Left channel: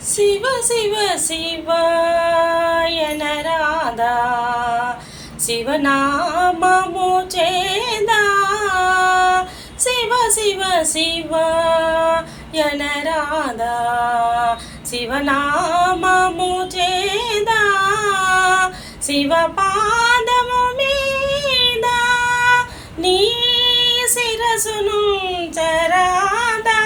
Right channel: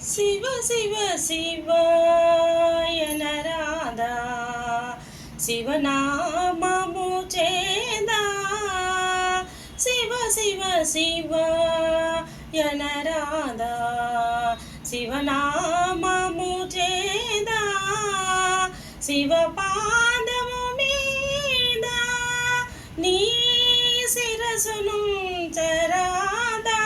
శివ శివ శివాయనరాధా శివనామము చేదా శివ శివ శివాయనరాధా శివనామము చేదా శివ పాదము మీద నీ శిరసును చరాదా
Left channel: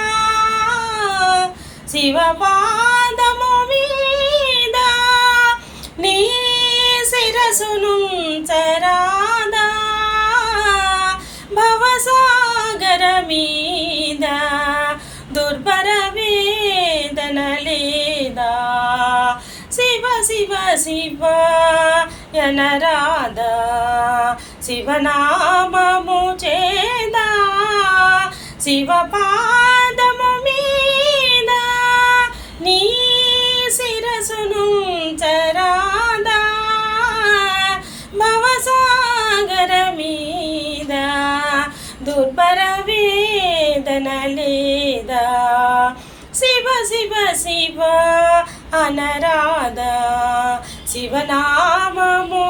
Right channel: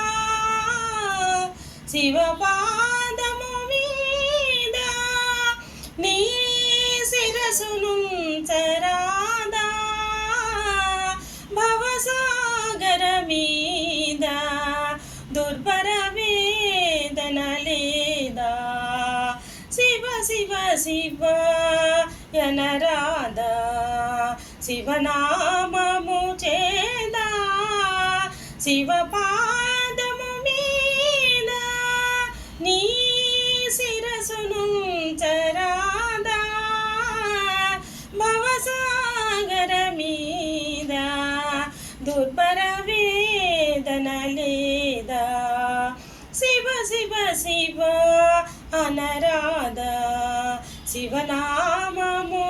శివ పాదము మీద నీ శిరసును చరాదా భవసాగర మీద దుర్భర వేదన లేదా శివ శివ శివ యనరాధా శివనామము చేదా శివ పాదము మీద నీ శిరసును చరాదా భవసాగర మీద దుర్భర వేదన లేదా శివ శివ శివ అనరాధా శివనామము